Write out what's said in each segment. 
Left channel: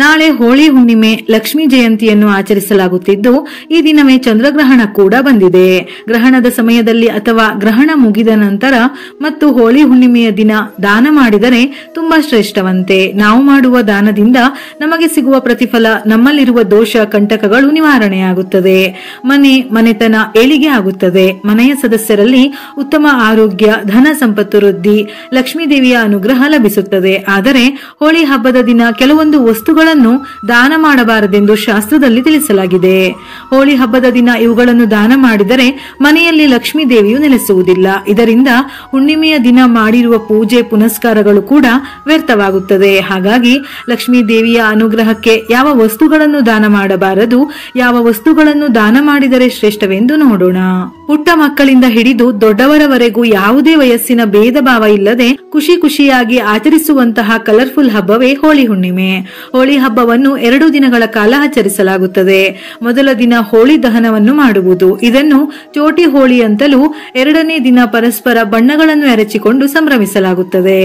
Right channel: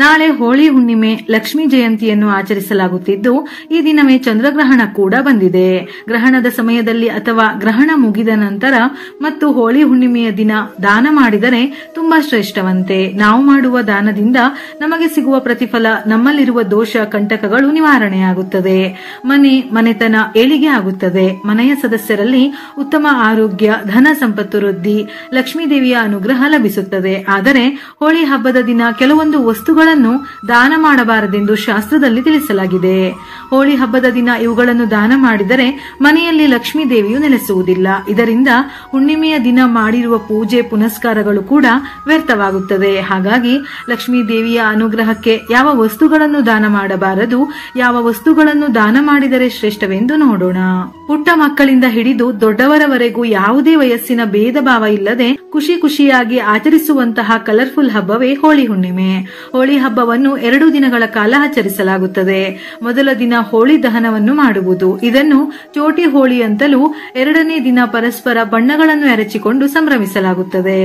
ನಾಳೆ ಹೋಳಿ ಹುಣ್ಣಿಮೆ, ಲಕ್ಷ್ಮೀ ಜಯಂತಿಯನ್ನು ಆಚರಿಸಲಾಗುತ್ತಿದ್ದು ಈ ದಿನವೇ ಚಂದ್ರಗ್ರಹಣ ಕೂಡ ಬಂದಿದೆ. ಗ್ರಹಣದ ಸಮಯದಲ್ಲಿ ಅಥವಾ ಗ್ರಹಣ ಮುಗಿದ ನಂತರ ಮತ್ತು ಹೋಳಿ ಹುಣ್ಣಿಮೆಯ ದಿನ ದಾನ ಮಾಡಿದರೆ ತುಂಬಾ ಶ್ರೇಷ್ಠವಂತೆ. ನಾವು ಮಾಡುವ ದಾನದಿಂದ ನಮಗೆ ಸಿಗುವ ಪ್ರತಿಫಲ, ನಮ್ಮಲ್ಲಿರುವ ದೋಷ ಕಂಟಕಗಳು ನಿವಾರಣೆಯಾಗುತ್ತದೆ. ಮನೆತನ ಏಳಿಗೆ ಆಗುತ್ತದೆ. ಮನೆಯ ಸದಸ್ಯರಲ್ಲಿ ಉತ್ತಮ ಆರೋಗ್ಯ, ಧನ ಸಂಪತ್ತು ವೃದ್ಧಿ, ಲಕ್ಷ್ಮೀ ದೇವಿಯ ಅನುಗ್ರಹ ಲಭಿಸುತ್ತದೆ. ಆದರೆ ಹೋಳಿ ಹಬ್ಬದ ದಿನ ಕೆಲವೊಂದು ವಸ್ತುಗಳನ್ನು ದಾನ ಮಾಡಬಾರದೆಂದು ಶಾಸ್ತ್ರದಲ್ಲಿ ತಿಳಿಸಲಾಗಿದೆ. ಹೋಳಿ ಹಬ್ಬದ ದಿನ ಇವುಗಳನ್ನು ದಾನ ಮಾಡಿದರೆ ಮನೆಯಲ್ಲಿ ಲಕ್ಷ್ಮೀ ದೇವಿಯು ನೆಲೆಸುವುದಿಲ್ಲ. ಇದರಿಂದ ಹುಣ್ಣಿಮೆಯ ದಿನ ಮಾಡಿರುವ ಪೂಜೆ ಪುನಸ್ಕಾರಗಳು ಕೂಡ ವ್ಯರ್ಥವಾಗುತ್ತದೆ. ಹಾಗಾಗಿ ಲಕ್ಷ್ಮೀ ದೇವಿಯ ಅನುಗ್ರಹಕ್ಕೆ ಯಾವ ವಸ್ತುಗಳನ್ನು ದಾನ ಮಾಡಬಾರದು, ಯಾವ ವಸ್ತುಗಳನ್ನು ದಾನ ಮಾಡಿದರೆ ಶ್ರೇಷ್ಠವೆಂದು ನೋಡೋಣ. ಪುಟ್ಟ ಮಕ್ಕಳಿಂದ ಹಿಡಿದು ದೊಡ್ಡವರವರೆಗೂ ಯಾವುದೇ ವಯಸ್ಸಿನ ಭೇದ ಭಾವ ಇಲ್ಲದೆ ಖುಷಿಯಾಗಿ ಆಚರಿಸುವಂತಹ ಕಲರ್ಫುಲ್ ಹಬ್ಬವೇ ಹೋಳಿ ಹುಣ್ಣಿಮೆ. ಹೋಳಿ ಹಬ್ಬವನ್ನು 2 ದಿನಗಳ ಕಾಲ ಆಚರಿಸಲಾಗುತ್ತದೆ. ಮೊದಲ ದಿನ ಹೋಳಿ ದಹನವನ್ನು ಮಾಡುವುದು. ಇದನ್ನು ಚೋಟಿ ಹೋಳಿ ಅಂತಲೂ, 2ನೇ ದಿನ ಪರಸ್ಪರ ಬಣ್ಣಗಳನ್ನು ಎರಚಿಕೊಂಡು ಸಂಭ್ರಮಿಸಲಾಗುತ್ತದೆ.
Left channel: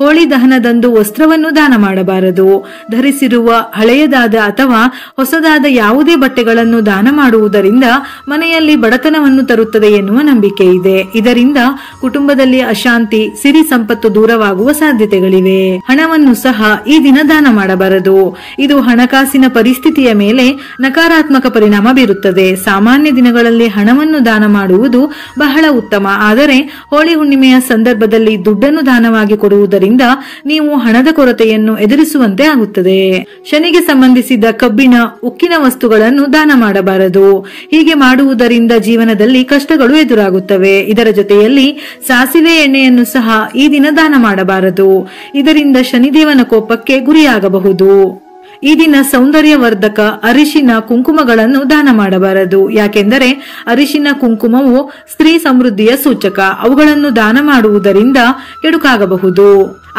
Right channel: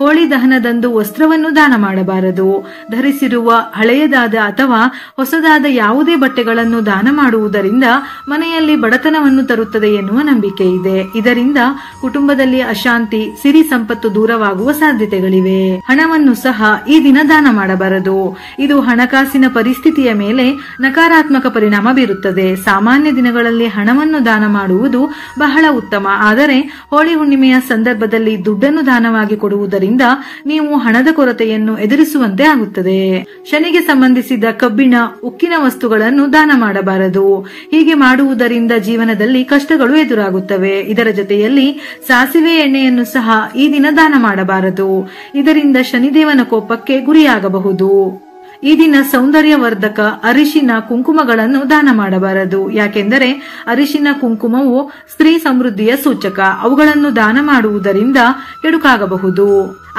ಹೋಳಿ ದಹನದಂದು ವಸ್ತ್ರವನ್ನು ದಾನ ಮಾಡಬಾರದು. ಧರಿಸಿರುವ ಹಳೆಯದಾದ ಅಥವಾ ಹೊಸದಾದ ಯಾವುದೇ ಬಟ್ಟೆಗಳನ್ನು ದಾನ ಮಾಡುವುದರಿಂದ ಮನೆಯಲ್ಲಿ ಬಡತನವನ್ನು ತರುತ್ತದೆ ಎನ್ನುವ ನಂಬಿಕೆ ಇದೆ. ಇದರಿಂದ ಕುಟುಂಬದಲ್ಲಿ ಅಶಾಂತಿ, ಸಿರಿ ಸಂಪತ್ತು ದೂರವಾಗುವ ಸಾಧ್ಯತೆಗಳಿವೆ. ಹಣವನ್ನು ಸಹ ಈ ದಿನ ದಾನ ಮಾಡಬಾರದು. ಇದು ಹಣಕಾಸಿನ ಪರಿಸ್ಥಿತಿಯ ಮೇಲೆ ನಕಾರಾತ್ಮಕ ಪರಿಣಾಮ ಬೀರುತ್ತದೆ. ಸಾಮಾನ್ಯ ದಿನಗಳಲ್ಲಿ ಹಣವನ್ನು ದಾನ ಮಾಡುವುದು ಬಹಳ ಉತ್ತಮ. ಆದರೆ ಹೋಳಿ ಹುಣ್ಣಿಮೆಯ ಸಂದರ್ಭದಲ್ಲಿ ದುಡ್ಡನ್ನು ದಾನವಾಗಿ ಕೊಡುವುದರಿಂದ ನೀವು ಹಣದ ಕೊರತೆಯನ್ನು ಎದುರಿಸುವಂತೆ ಆಗುತ್ತದೆ. ಶನಿಗೆ ಸಂಬಂಧಿಸಿದ ಕಬ್ಬಿಣ, ಉಕ್ಕಿನ ವಸ್ತುಗಳನ್ನು ದಾನ ಮಾಡಬಾರದು. ಹೀಗೆ ಮಾಡುವುದರಿಂದ ಜೀವನದಲ್ಲಿ ಕಷ್ಟಗಳು ಎದುರಾಗುತ್ತವೆ. ಇದರ ಜೊತೆಯಲ್ಲಿ ಸಾಸಿವೆ ಎಣ್ಣೆಯನ್ನು ಸಹ ಈ ದಿನ ದಾನ ಮಾಡಬಾರದು. ಇದರಿಂದ ಶನಿದೇವನ ಕೋಪಕ್ಕೆ ಗುರಿಯಾಗಬಹುದು. ಈ ದಿನ ಸೌಂದರ್ಯವರ್ಧಕ ಅರಿಶಿನ, ಕುಂಕುಮಗಳನ್ನು ದಾನ ಮಾಡಬಾರದು. ಯಾಕೆಂದರೆ ಅರಿಶಿನ, ಕುಂಕುಮವು ಸ್ತ್ರೀ ಸಮೃದ್ಧಿಯ ಸೂಚಕ. ಅವುಗಳನ್ನು ದಾನ ಮಾಡುವುದರಿಂದ ಕೆಡುಕಾಗಬಹುದು.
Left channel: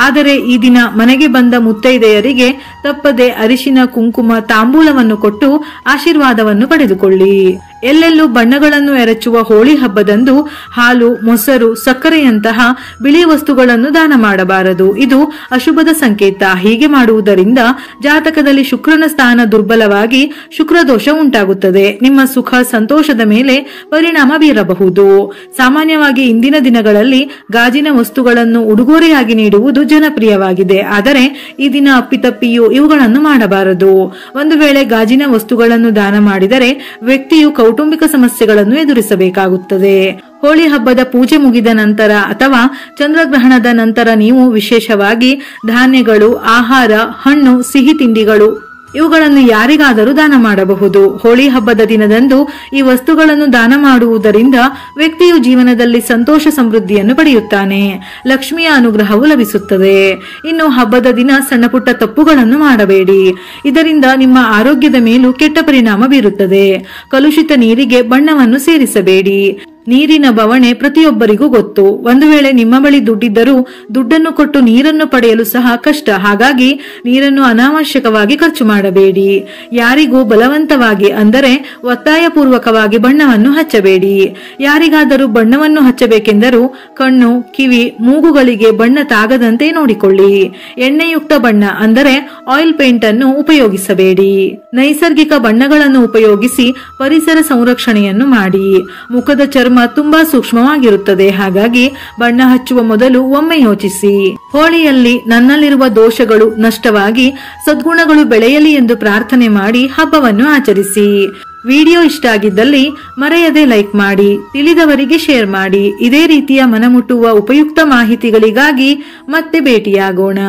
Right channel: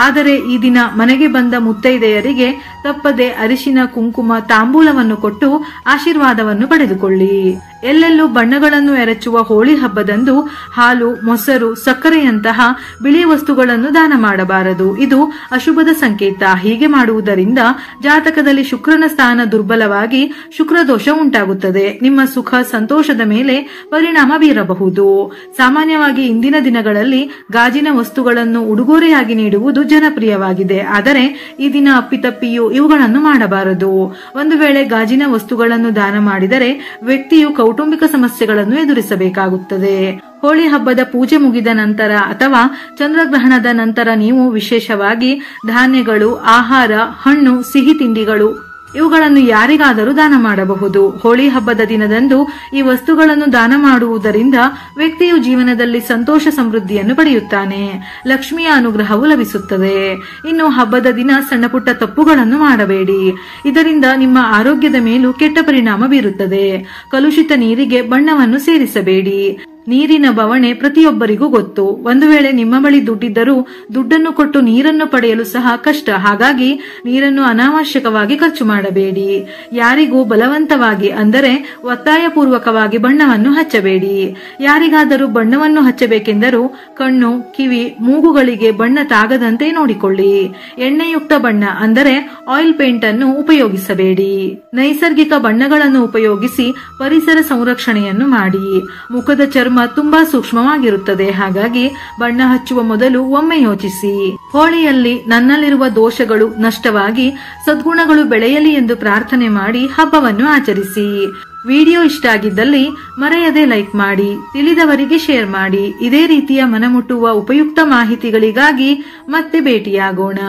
ಆದರೆ ಈ ದಿನ ಮನೆಗೆ ಬಂದ ಮುತ್ತೈದೆಯರಿಗೆ ತಪ್ಪದೆ ಅರಿಶಿನ, ಕುಂಕುಮ, ತಾಂಬೂಲವನ್ನು ಕೊಟ್ಟು ಆಶೀರ್ವಾದವನ್ನು ಪಡೆದುಕೊಳ್ಳಿ. ಎಲ್ಲೆಲ್ಲೂ ಬಣ್ಣಗಳನ್ನು ಎರಚುವ ಹೋಳಿ ಹಬ್ಬದಂದು ಹಾಲು, ಮೊಸರು, ಸಕ್ಕರೆಯಂತಹ ಬಿಳಿ ವಸ್ತುಗಳನ್ನು ದಾನ ಮಾಡಬಾರದು. ಇದು ಅಶುಭದ ಸಂಕೇತ. ಹೀಗೆ ಮಾಡುವುದರಿಂದ ಜಾತಕದಲ್ಲಿ ಶುಕ್ರನ ಸ್ಥಾನ ದುರ್ಬಲವಾಗಿ ಶುಕ್ರದೋಷ ಉಂಟಾಗುತ್ತದೆ. ನಿಮ್ಮ ಸುಖ ಸಂತೋಷದ ಮೇಲೆ ಪರಿಣಾಮ ಬೀರಬಹುದು. ಸಾಮಾನ್ಯವಾಗಿ ಇಂದಿನ ದಿನಗಳಲ್ಲಿ ಗಾಜಿನ ವಸ್ತುಗಳನ್ನು ಉಡುಗೊರೆಯಾಗಿ ನೀಡುವುದು ಜನಪ್ರಿಯವಾಗಿದೆ. ಆದರೆ ಈ ದಿನ ಅಪ್ಪಿತಪ್ಪಿಯೂ ಇವುಗಳನ್ನು ಮಾಡಬಾರದು. ಒಂದು ವೇಳೆ ಗಾಜಿನ ವಸ್ತುಗಳನ್ನು ದಾನ ಮಾಡಿದರೆ ವ್ಯಕ್ತಿಯು ಕೌಟುಂಬಿಕ ಸಮಸ್ಯೆಗಳನ್ನು ಎದುರಿಸಬೇಕಾಗುತ್ತದೆ. ಹೋಳಿ ಹಬ್ಬದ ಪೂಜೆ ಮುಗಿದ ನಂತರ ಅಥವಾ ಚಂದ್ರಗ್ರಹಣದ ನಂತರ ನೀವು ವಿಶೇಷವಾಗಿ ಧಾನ್ಯಗಳು, ಆಹಾರ, ಹಣ್ಣು, ಸಿಹಿ ತಿಂಡಿಗಳು ಇವುಗಳನ್ನು ಯಾರಿಗಾದರೂ ದಾನ ಮಾಡಬಹುದು. ಹೋಳಿ ಹಬ್ಬದ ದಿನದಂದು ಈ ವಸ್ತುಗಳನ್ನು ದಾನ ಮಾಡುವುದರಿಂದ ವ್ಯಕ್ತಿಯು ಜೀವನದಲ್ಲಿ ಸಂತೋಷ ಸಮೃದ್ಧಿಯನ್ನು ಪಡೆಯುತ್ತಾನೆ. ಲಕ್ಷ್ಮಿಯ ಅನುಗ್ರಹವು ಲಭಿಸುತ್ತದೆ. ಇನ್ನು ಹಬ್ಬದ ದಿನ ಸಣ್ಣ ಪುಟ್ಟ ತಪ್ಪುಗಳನ್ನು ಮಾಡಬೇಡಿ. ಇದರಿಂದ ನಿಮ್ಮ ಆರೋಗ್ಯದ ಮೇಲೂ ಕೆಟ್ಟ ಪರಿಣಾಮ ಬೀರುತ್ತದೆ. ಕಲುಷಿತ ನೀರಿಗೆ ಬಣ್ಣವನ್ನು ಸೇರಿಸಬೇಡಿ. ನೀರಿನ ಬವಣೆ ಪ್ರತಿಯೊಬ್ಬರಿಗೂ ಗೊತ್ತು. ಒಂದು ವೇಳೆ ನಿಮ್ಮ ಬಳಿ ದುಡ್ಡಿದ್ದರೂ ದುಡ್ಡನ್ನು ಕೊಟ್ಟು ನೀರನ್ನು ಪಡೆಯಲು ಸಹ ಕಷ್ಟ. ಹಾಗಾಗಿ ನೀರನ್ನು ಅನಾವಶ್ಯಕವಾಗಿ ಖರ್ಚು ಮಾಡಬೇಡಿ. ಯಾರಿಗೂ ಬಲವಂತವಾಗಿ ಅಂದರೆ ಒತ್ತಾಯಪೂರ್ವಕವಾಗಿ ಬಣ್ಣವನ್ನು ಹಚ್ಚಬೇಡಿ. ಯಾರಿಗಾದರೂ ಬಣ್ಣವನ್ನು ಹಚ್ಚಬೇಕೆಂದರೂ ಕಣ್ಣು, ಕಿವಿ, ಮೂಗುಗಳಿಗೆ ಬಣ್ಣ ತಾಗದಂತೆ ನೋಡಿಕೊಳ್ಳಿ. ಎಣ್ಣೆಯುಕ್ತ ಬಣ್ಣ ಅಂದರೆ ಆಯಿಲ್ ಪೇಂಟ್ ಅನ್ನು ಉಪಯೋಗಿಸಬೇಡಿ. ನೈಸರ್ಗಿಕ ಬಣ್ಣಗಳನ್ನು ಉಪಯೋಗಿಸಿ ಪರಿಸರ ಸಂರಕ್ಷಣೆಯನ್ನು ಮಾಡಿ. ಮುಖದ ಚರ್ಮ ತುಂಬಾ ಸೂಕ್ಷ್ಮವಾಗಿರುತ್ತದೆ. ಹಾಗಾಗಿ ಬಣ್ಣ ಹಚ್ಚುವ ಮೊದಲು ಒಮ್ಮೆ ಯೋಚಿಸಿ. ಹೋಳಿಯಲ್ಲಿ ನನ್ನಲ್ಲಿರುವ ದೋಷಗಳು ನಷ್ಟವಾಗಿ ಸದ್ಗುಣಗಳು ಬೆಳೆಯಲಿ ಎಂದು ಪ್ರಾರ್ಥನೆ ಮಾಡಿ ಹಬ್ಬವನ್ನು ಆಚರಿಸಿ. ವಿಡಿಯೋ ಇಷ್ಟ ಆಗಿದ್ದಲ್ಲಿ ಮರೆಯದೆ ಲೈಕ್ ಮಾಡಿ, ತಿಳಿದವರಿಗೆ ಶೇರ್ ಮಾಡಿ. ಇದೇ ರೀತಿಯ ಮನಮುಟ್ಟುವ ಉಪಯುಕ್ತ ಮಾಹಿತಿಗಳಿಗಾಗಿ ಮತ್ತೆ ಭೇಟಿಯಾಗೋಣ.